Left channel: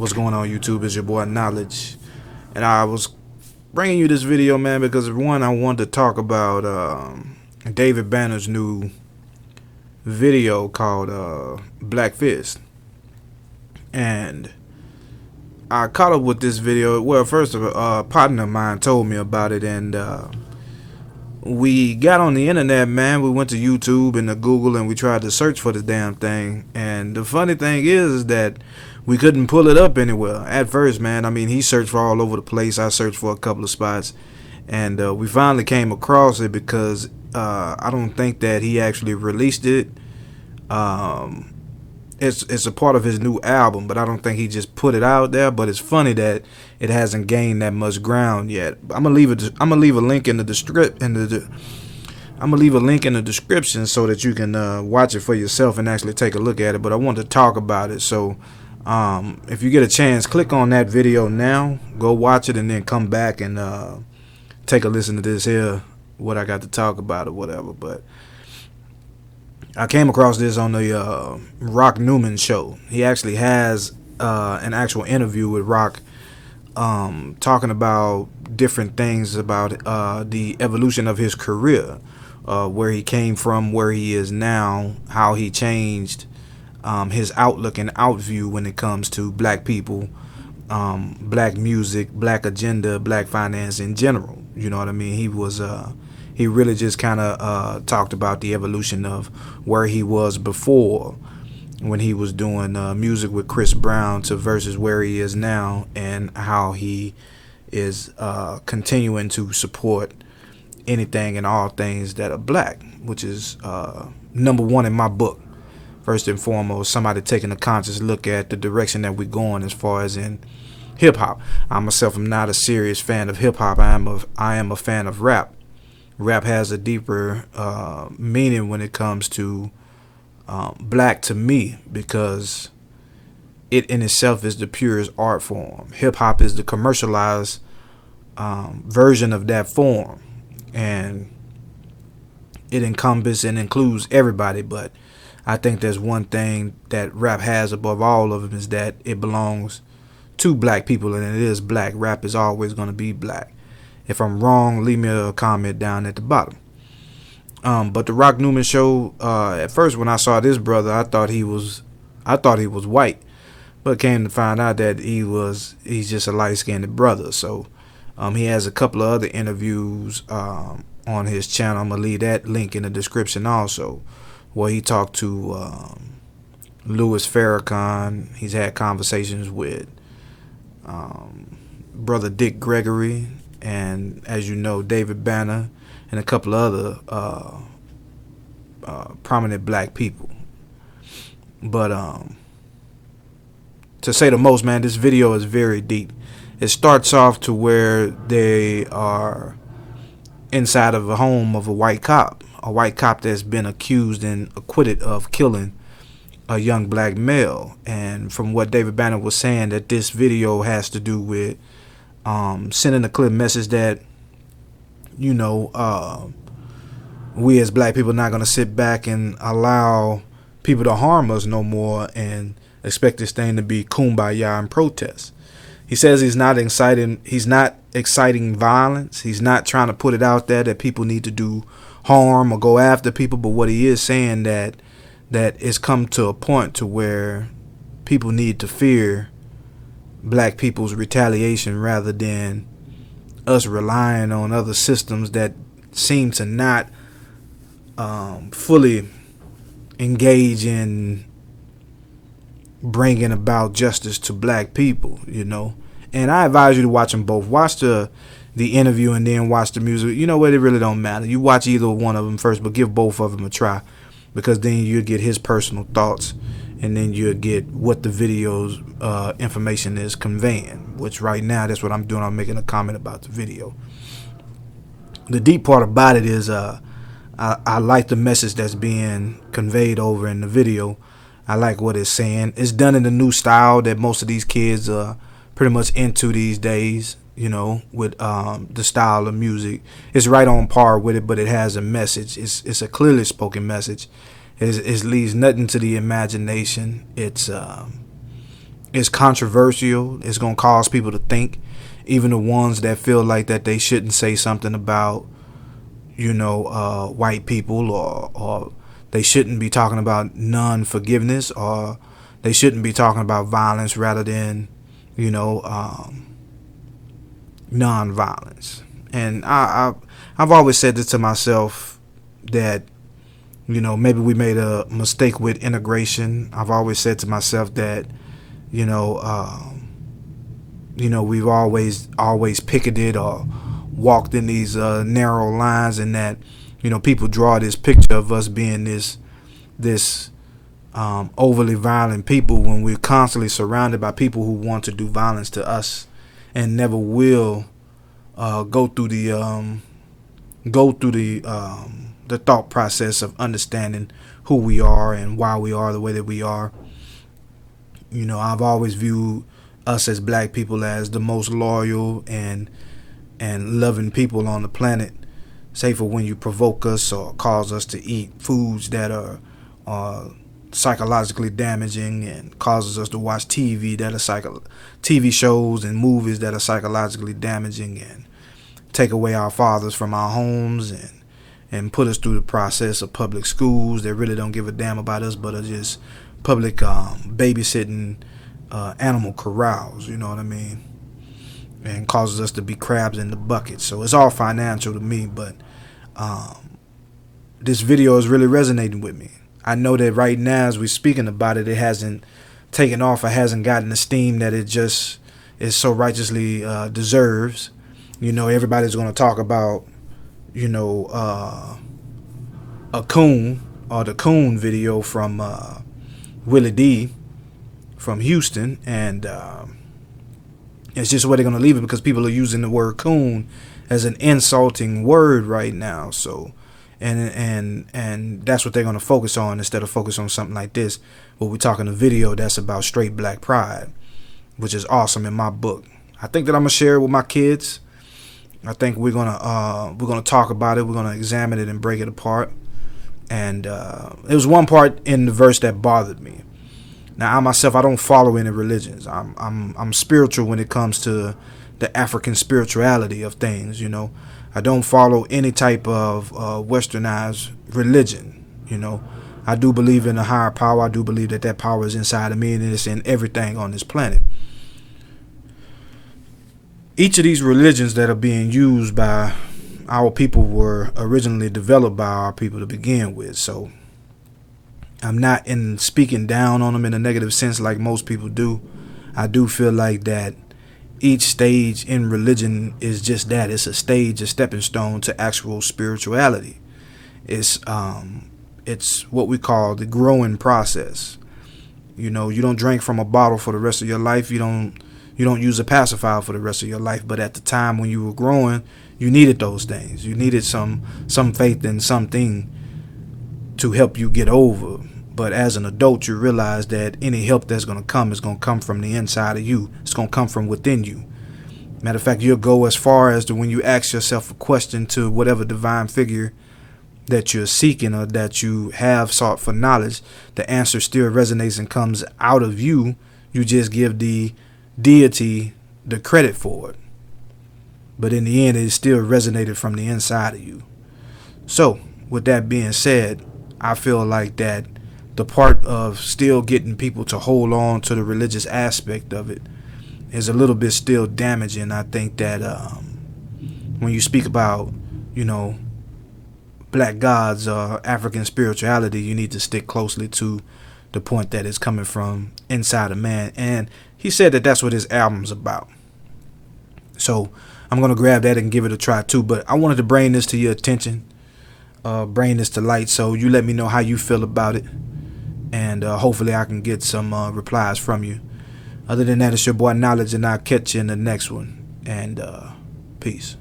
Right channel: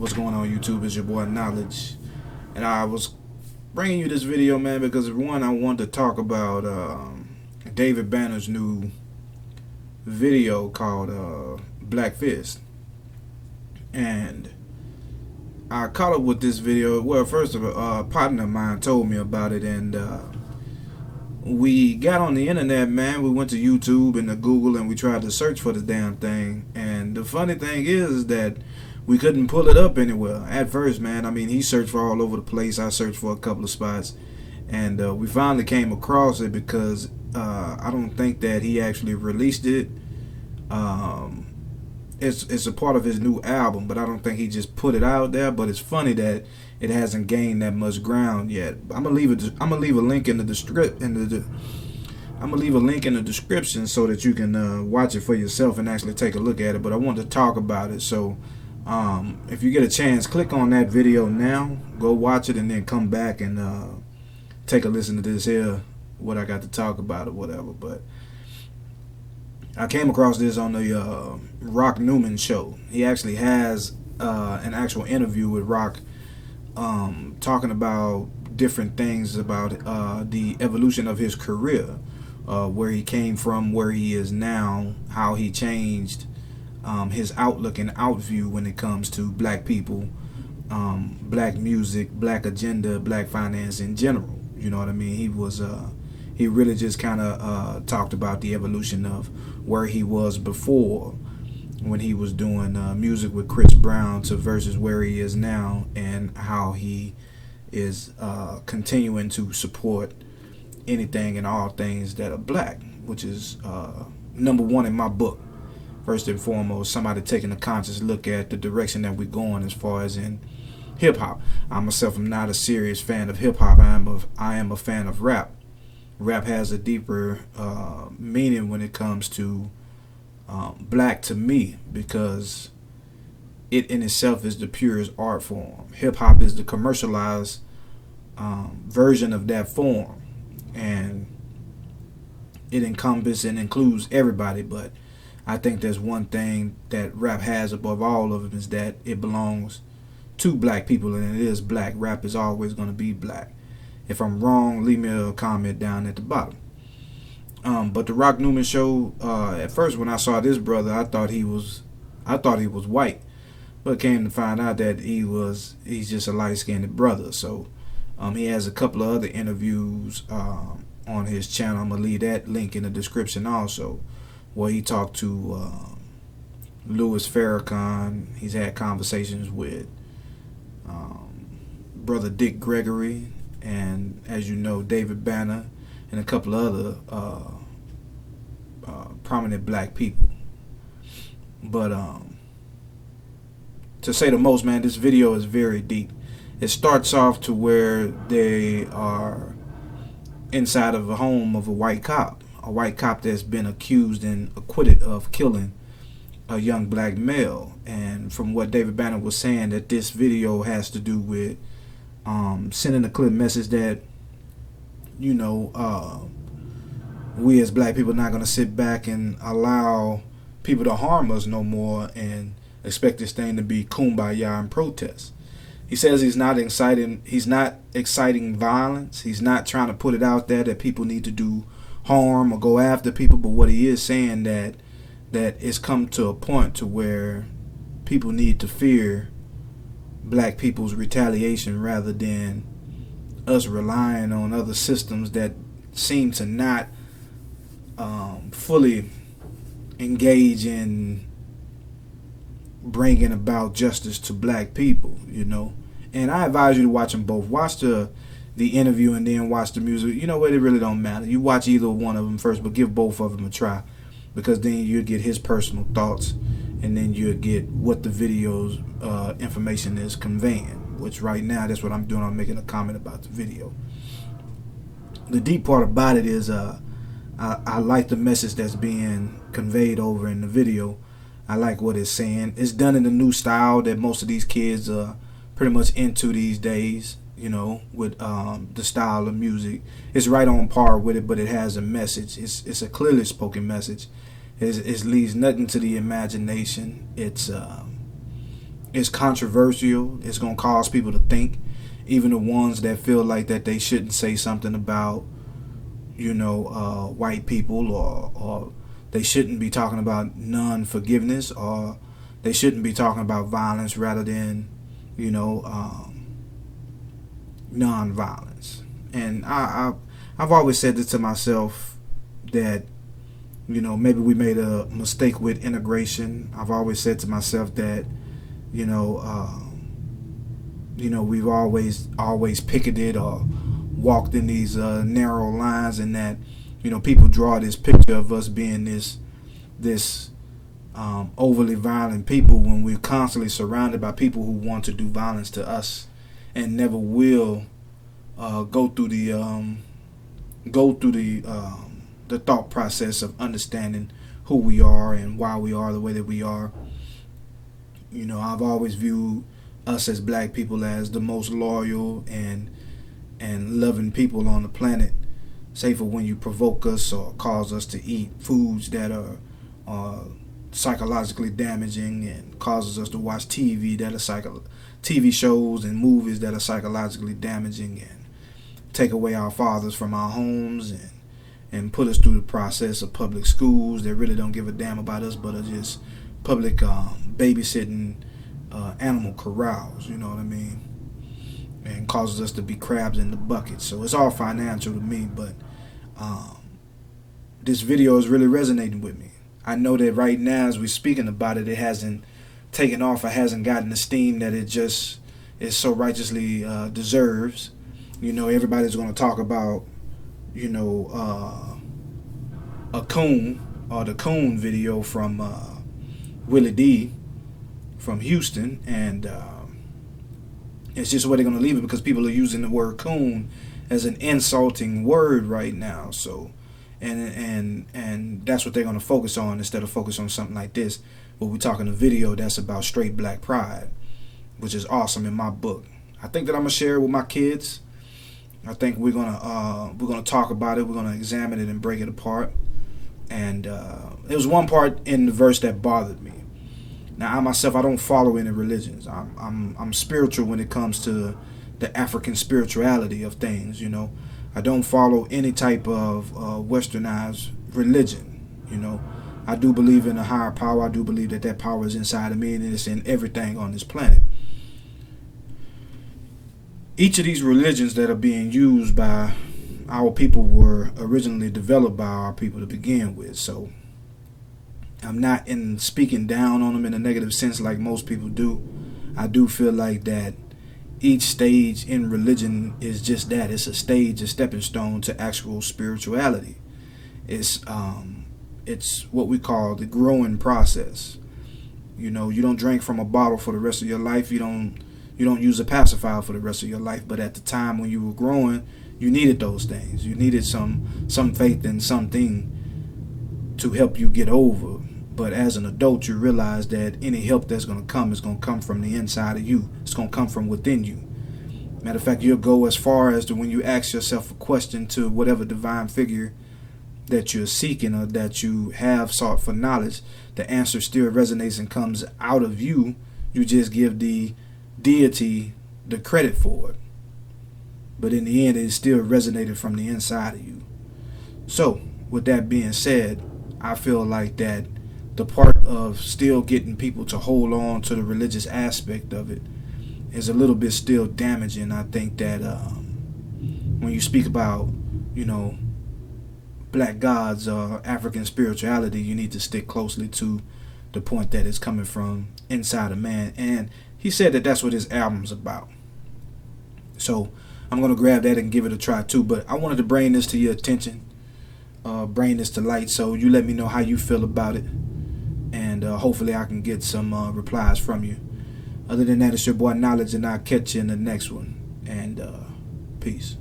What's going on, YouTube? It's your boy Knowledge, and I was bringing you this video, man, because one, I wanted to talk about David Banner's new video called Black Fist, and I caught up with this video. Well, first of all, a partner of mine told me about it, and we got on the internet, man. We went to YouTube and to Google, and we tried to search for the damn thing. And the funny thing is that we couldn't pull it up anywhere at first, man. I mean, he searched for all over the place. I searched for a couple of spots, and we finally came across it because I don't think that he actually released it. It's a part of his new album, but I don't think he just put it out there. But it's funny that it hasn't gained that much ground yet. I'm gonna leave a link in the I'm gonna leave a link in the description so that you can watch it for yourself and actually take a look at it. But I want to talk about it, so if you get a chance, click on that video now, go watch it, and then come back and take a listen to this here, what I got to talk about or whatever. But I came across this on the Rock Newman show. He actually has an actual interview with Rock, talking about different things about the evolution of his career, where he came from, where he is now, how he changed his outlook and outview when it comes to black people, black music, black agenda, black finance in general. You know what I mean? He really just kind of talked about the evolution of where he was before, when he was doing music with Chris Brown, to versus where he is now, and how he is continuing to support anything and all things that are black, which is number one in my book. First and foremost, somebody taking a conscious look at the direction that we're going as far as in hip hop. I myself am not a serious fan of hip hop. I am a fan of rap. Rap has a deeper meaning when it comes to black to me, because it in itself is the purest art form. Hip hop is the commercialized version of that form, and it encompasses and includes everybody. But I think there's one thing that rap has above all of them, is that it belongs to black people, and it is black. Rap is always going to be black. If I'm wrong, leave me a comment down at the bottom. But the Rock Newman show, at first when I saw this brother, I thought he was white, but came to find out that he's just a light-skinned brother. So he has a couple of other interviews on his channel. I'm gonna leave that link in the description also, where he talked to Louis Farrakhan. He's had conversations with brother Dick Gregory, and as you know, David Banner, and a couple of other prominent black people. But to say the most, man, this video is very deep. It starts off to where they are inside of a home of a white cop that's been accused and acquitted of killing a young black male. And from what David Banner was saying, that this video has to do with sending a clear message that, you know, we as black people are not going to sit back and allow people to harm us no more and expect this thing to be kumbaya and protest. He says he's not exciting violence. He's not trying to put it out there that people need to do harm or go after people, but what he is saying that it's come to a point to where people need to fear black people's retaliation rather than us relying on other systems that seem to not fully engage in bringing about justice to black people, you know. And I advise you to watch them both. Watch the interview and then watch the music. You know what? It really don't matter. You watch either one of them first, but give both of them a try, because then you'll get his personal thoughts, and then you'll get what the video's information is conveying, which right now, that's what I'm doing. I'm making a comment about the video. The deep part about it is I like the message that's being conveyed over in the video. I like what it's saying. It's done in the new style that most of these kids are pretty much into these days, you know, with the style of music. It's right on par with it, but it has a message. It's a clearly spoken message. It leaves nothing to the imagination. It's It's controversial. It's gonna cause people to think, even the ones that feel like that they shouldn't say something about, white people, or they shouldn't be talking about non-forgiveness, or they shouldn't be talking about violence rather than, non-violence. And I've always said this to myself, that maybe we made a mistake with integration. I've always said to myself that we've always picketed or walked in these narrow lines, and that people draw this picture of us being this overly violent people, when we're constantly surrounded by people who want to do violence to us and never will go through the thought process of understanding who we are and why we are the way that we are. I've always viewed us as black people as the most loyal and loving people on the planet, save for when you provoke us or cause us to eat foods that are psychologically damaging, and causes us to watch TV shows and movies that are psychologically damaging, and take away our fathers from our homes, and put us through the process of public schools that really don't give a damn about us, but are just public babysitting animal corrals, you know what I mean? And causes us to be crabs in the bucket. So it's all financial to me, but this video is really resonating with me. I know that right now, as we're speaking about it, it hasn't taken off, or hasn't gotten the steam that it just is so righteously deserves. Everybody's going to talk about, a coon, or the coon video from Willie D from Houston, and it's just where they're going to leave it, because people are using the word coon as an insulting word right now. So, and that's what they're going to focus on, instead of focus on something like this, where we're talking a video that's about straight black pride, which is awesome in my book. I think that I'm gonna share it with my kids. I think we're gonna talk about it. We're gonna examine it and break it apart. And there was one part in the verse that bothered me. Now, I myself, I don't follow any religions. I'm spiritual when it comes to the African spirituality of things. I don't follow any type of westernized religion. I do believe in a higher power. I do believe that power is inside of me, and it's in everything on this planet. Each of these religions that are being used by our people were originally developed by our people to begin with. So I'm not in speaking down on them in a negative sense like most people do. I do feel like that each stage in religion is just that. It's a stage, a stepping stone to actual spirituality. It's what we call the growing process. You don't drink from a bottle for the rest of your life. You don't use a pacifier for the rest of your life. But at the time when you were growing, you needed those things. You needed some faith in something to help you get over. But as an adult, you realize that any help that's going to come is going to come from the inside of you. It's going to come from within you. Matter of fact, you'll go as far as to, when you ask yourself a question to whatever divine figure that you're seeking, or that you have sought for knowledge, the answer still resonates and comes out of you. You just give the deity the credit for it. But in the end, it still resonated from the inside of you. So, with that being said, I feel like that the part of still getting people to hold on to the religious aspect of it is a little bit still damaging. I think that when you speak about, black gods or African spirituality, you need to stick closely to the point that it's coming from inside of man. And he said that that's what his album's about. So I'm going to grab that and give it a try too. But I wanted to bring this to your attention, bring this to light, so you let me know how you feel about it. And hopefully I can get some replies from you. Other than that, it's your boy Knowledge, and I'll catch you in the next one. And peace.